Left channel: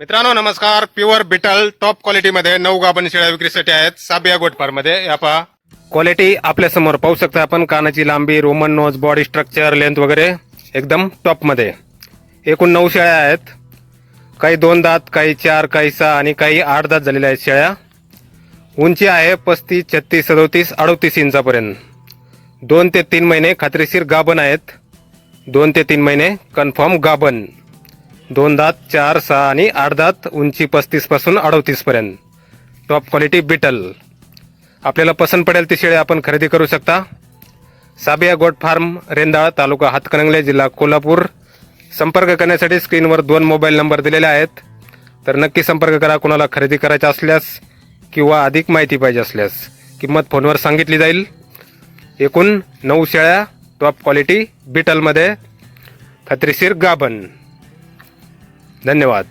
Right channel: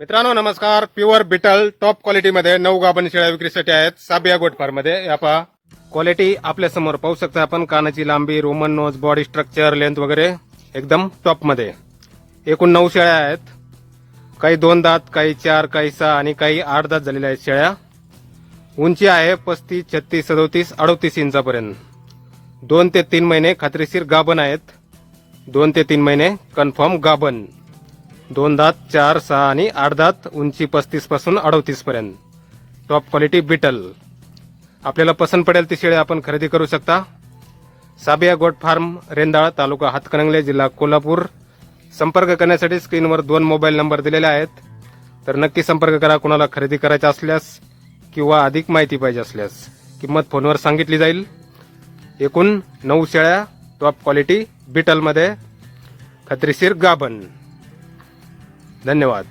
मित्रांनो नमस्कार. Pure beetle top क्वालिटीमध्ये नऊ गाभण शेळ्या विक्रीसाठी आहेत. साबिया गोट फार्ममध्ये या पहा. क्वालिटी आपल्यासमोर पाहू शकता आपण. कानाची लांबी roman nose body structure length वगैरे एकदम टॉपमध्ये एकूण नऊ शेळ्या आहेत. काही दोन दात काही चार काही सहा आणि काही आठ दात झालेल्या आहेत शेळ्या. उंची आहे पस्तीस छत्तीस सदोतीस अडोतीस इंचापर्यंत. दोन ते तीन महिने खात्रीशीर गाभण आहेत. दोन ते तीन महिने कन्फर्म गाभण. दोन दात चार सहा आणि आठ दात उंची पस्तीसपासून अडतीस पर्यंत. टॉप क्वालिटी बिटल आपल्याला पसंत पडेल ती शेळी आपण खरेदी करू शकता. साबिया गोट फार्म रेंदाळ तालुका हातकणंगले जिल्हा कोल्हापूर. संपर्क करण्यासाठी स्क्रीनवर दोन मोबाईल नंबर दिलेले आहेत. तर नक्की संपर्क करा कोणाला खरेदी करायचा असल्यास किंवा अधिक माहिती पाहिजे असल्यास. किंमत फोनवर सांगितली जाईल. एकूण नऊ शेळ्या टॉप क्वालिटी बिटलमध्ये खात्रीशीर गाभण. धन्यवाद.